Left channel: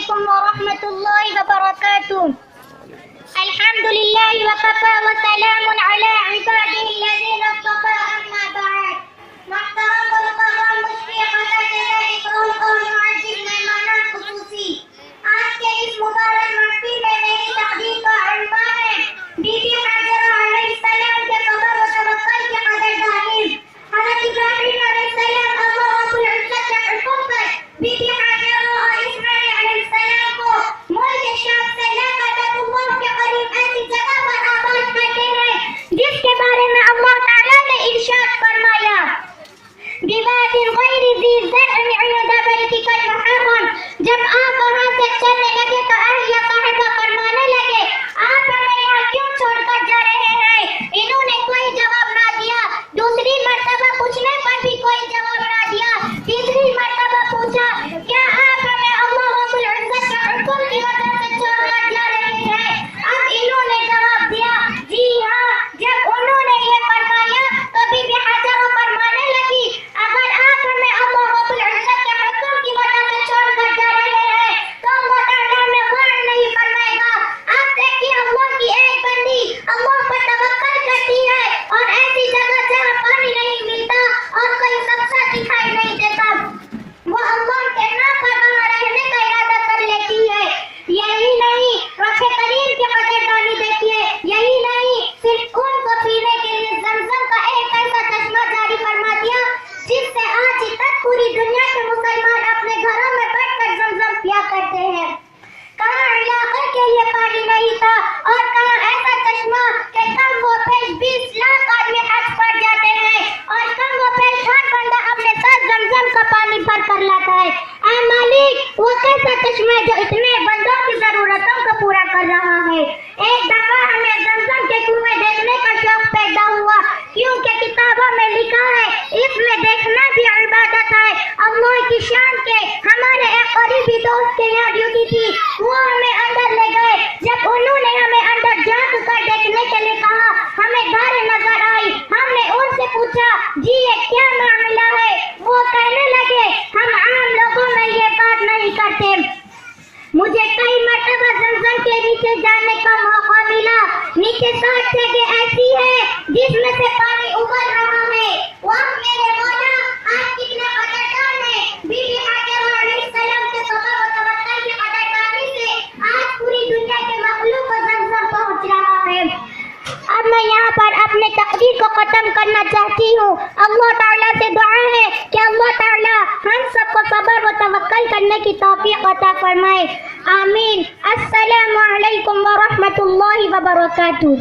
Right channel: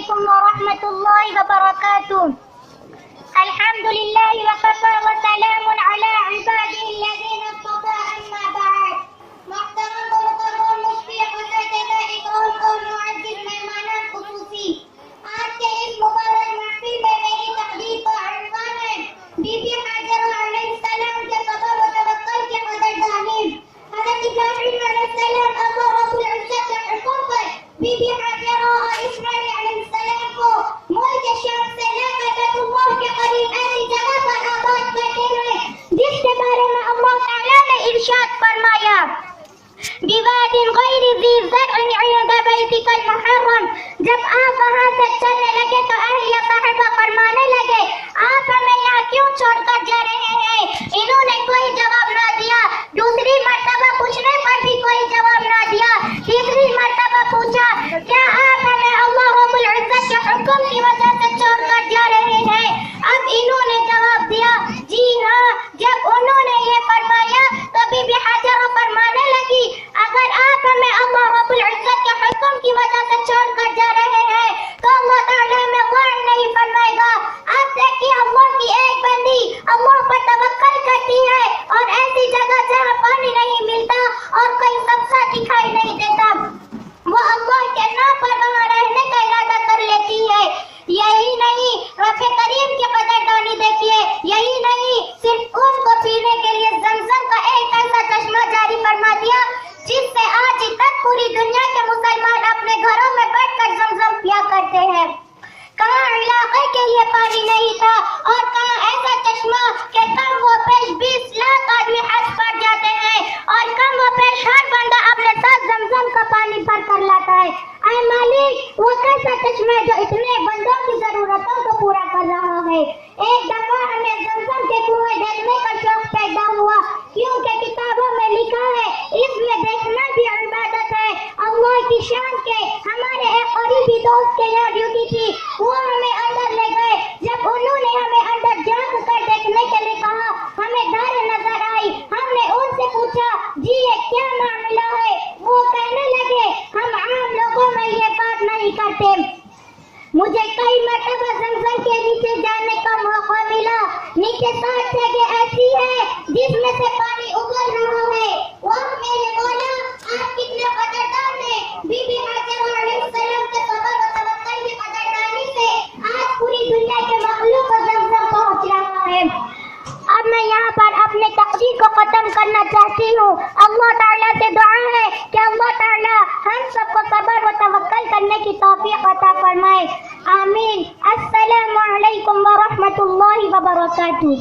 عليكم ورحمة الله وبركاته. الحمد لله وكفى وسلام على عباده الذين اصطفى. أما بعد. محترم المقرر مشفی حضرت اکرام اور معزز مہمانان خصوصی، آج کے اس مبارک محفل میں میری تقریر کا عنوان ہے بی بی حاجرہ علیہ السلام کے صبر و توکل کی قدردانی. حضرت ابراہیم علیہ السلام اللہ رب العزت کے حکم پر بی بی حاجرہ اور اسماعیل علیہ السلام کو ملک شام سے لے کر بیت اللہ کے قریب ایسی جگہ پر آباد کرتے ہیں جس کے بارے میں اللہ تعالیٰ نے ارشاد فرمایا بواد غیر ذی زرع عند بیتک المحرم. جب آپ وہاں سے چلنے لگے تو اہلیہ صاحبہ فرمانے لگے آپ ہمیں یہاں کیوں چھوڑ کر جا رہے ہیں؟ انہوں نے کوئی جواب نہ دیا. دوسری مرتبہ پوچھنے پر بھی کوئی جواب نہ دیا. تیسری مرتبہ پوچھا کیا آپ ہمیں اللہ رب العزت کے حکم کی وجہ سے چھوڑ کر جا رہے ہیں؟ اب انہوں نے جواب دیا جی ہاں. جب انہوں نے یہ فرمایا تو بی بی حاجرہ فرمانے لگی اگر آپ ہمیں اللہ رب العزت کے حکم کی وجہ سے چھوڑ کر جا رہے ہیں تو اللہ تعالیٰ میں غور نہیں فرمائے گا. آپ دیکھیے اللہ کی ایک بندی اللہ پر توکل کرتی ہے اور ایسی جگہ جہاں پانی نہیں ملتا اور کوئی سبزہ دکھائی نہیں دیتا وہ اللہ کے نام پر وہاں رہنے کا ارادہ کر لیتی ہے. یہی نہیں رب کریم کی قدردانی دیکھیے. یہی نہیں صرف ان کو پینے کے لیے زمزم کا ایک ایسا چشمہ جاری فرما دیا جس سے آج تک پوری دنیا کے مسلمان اپنے گھروں میں بیٹھ کر زمزم پیا کرتے ہیں. کہاں علاقے کے لیے پانی نہیں تھا اور کہاں ایسا چشمہ کہ کم و بیش 20 لاکھ آدمی حج پر جاتے ہیں اور کم و بیش ہر بندہ اپنے ساتھ زمزم کا پانی بھر کر لاتا ہے. اے مالک وہ کیسا چشمہ جو اتنے بندوں کی ضرورتوں کو پورا کر رہا ہے. ایک دفعہ ہمیں زمزم کے کنویں دیکھنے کا شوق پیدا ہوا کیونکہ کتابوں میں لکھا ہے اس میں دیکھنا بھی عبادت ہے. اللہ کی شان کے ہمارے ایک قریبی دوست کے یہاں ڈیوٹی تھی. وہ ہمیں اندر لے گئے. جب انہوں نے ہمیں اندر جھانک کر دیکھنے کے لیے کہا ہمیں داریں نظر آئی. ہم نے ان سے پوچھا جی یہ کیا معاملہ ہے؟ وہ کہنے لگے ہم عام لوگوں میں یہ بات نہیں کرتے. مجھے کئی مرتبہ زمزم کے نیچے جانے کا موقع ملا. نیچے 60 جگہ ایسی ہے جس میں سے پانی ابل رہا ہے. وہ میرے مولا آج کتنے قدردان ہیں. بی بی حاجرہ علیہ السلام کے صبر و توکل کی قدردانی سے آج پوری دنیا کے مخلوق کو زمزم پہنچ رہا ہے. اب میں یہاں پر اپنے تقریر کو ختم کرنا چاہتی ہوں. اللہ تعالیٰ سے دعا ہے کہ اللہ تعالیٰ ہم سب کو صبر و توکل کرنے کی توفیق عطا فرمائے. آمین. السلام علیکم ورحمۃ اللہ وبرکاتہ.